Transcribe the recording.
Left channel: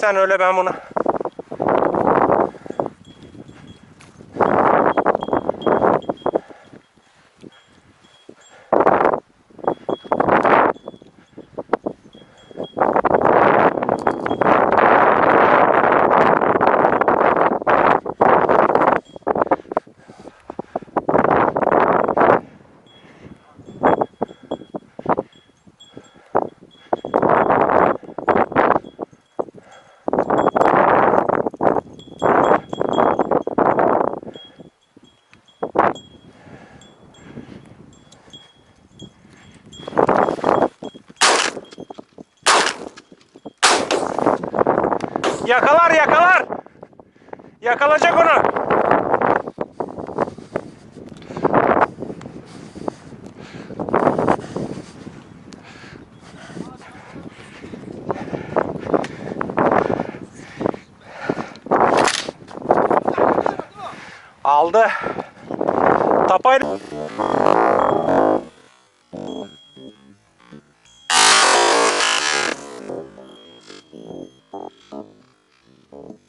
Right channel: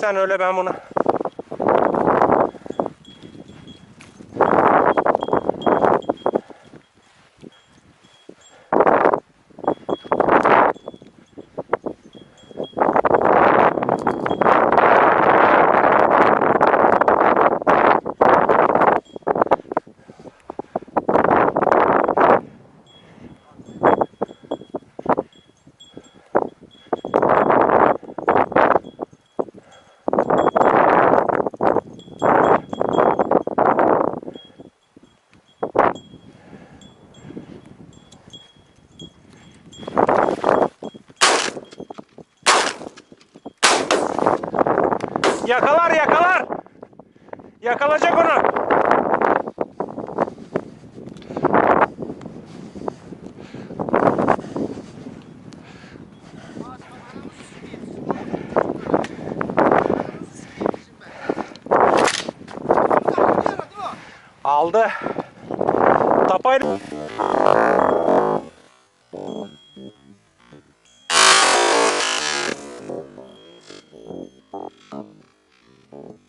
sen öyle ben bunu. Yakalar yakalar. Yakalayacak onu. Aldı. Tapayla. 음.